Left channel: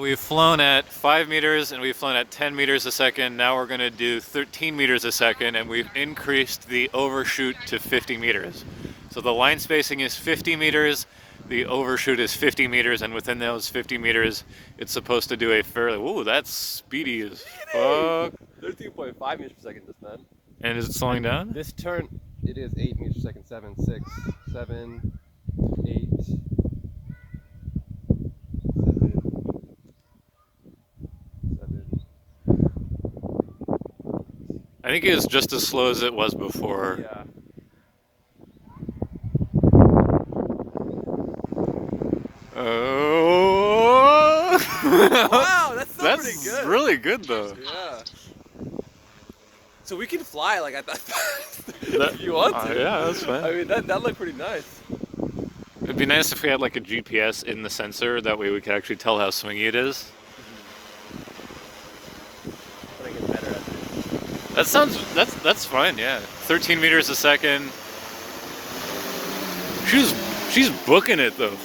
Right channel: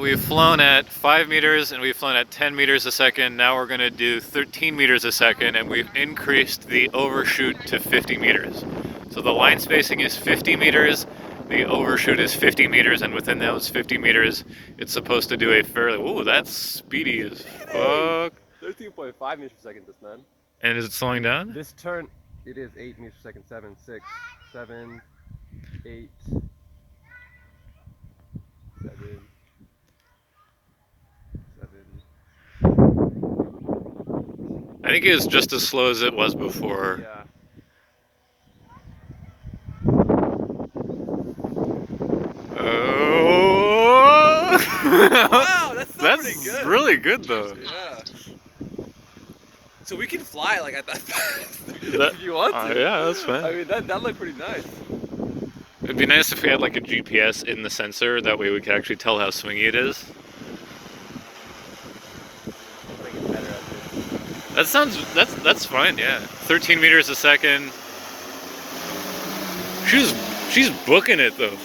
We've flown at 5 meters and we've flown at 10 meters a second. Now we're going to do 13 meters a second, and we've increased the overshoot to 50 meters. So the line spacing is 50 meters, the overshoot is 50 meters, and within those 50 meters, it's supposed to do a fairly, ooh, that's speedy as fuck. 13.5 meters per second, this man. And is it slowing down? This turn, it is 8 meters per second. 7, 6, 7, 8. I think it was just as slow as it was before. Yeah. Oh! Wow, that's pretty good. Really good though. Yeah. So we can fly like at that fast. That, if you want to. yeah, that's fine. I mean, that looked pretty nice. It'd be nice if we had like a GPS in the sensor. That way we could actually tell how swingy it is. That's fine, yeah. 13 meters a second. She's booking it though.